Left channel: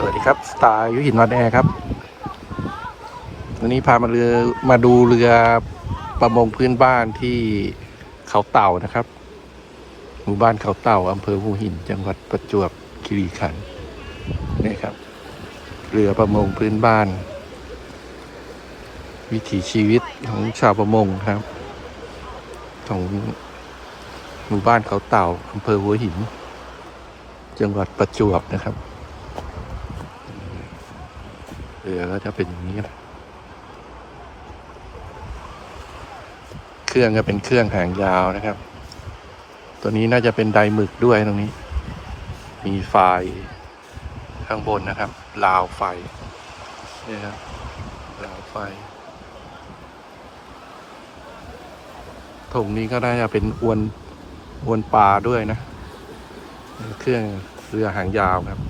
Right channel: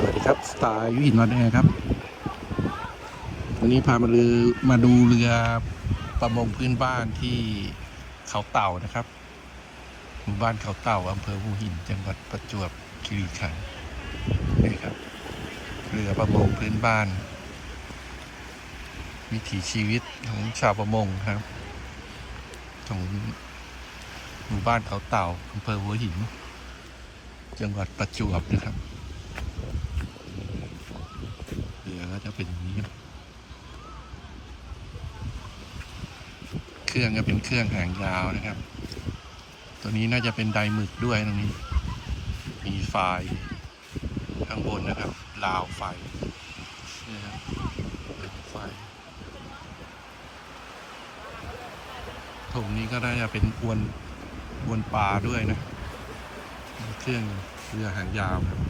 สวัสดีครับสตาร์ยุหินนอนแอร์ครับวันนี้พามาเรือมาดูเรือประมงพื้นบ้านที่เขาเต่านะครับ หมู่บ้านเขาเต่าอำเภอหูหิน จังหวัดประจวบคีรีขันธ์นี่ครับ เรือประมงพื้นบ้าน วิถีชีวิตของชาวประมงครับของหมู่บ้านเขาเต่าอำเภอหัวหิน จังหวัดประจวบนะครับ เรือก็จะเป็นอย่างนี้นะเครื่องก็เป็นเครื่องหางยาวนะครับ ตัวนี้น่าจะเป็นไดหมึกด้วยตรงนี้ มีไฟข้างบนนะครับราวไฟนี่ครับราวไฟถุงนี้ก็น่าจะเป็นอวนอวนปลาด้วยนะ เครื่องเรือหางยาวครับ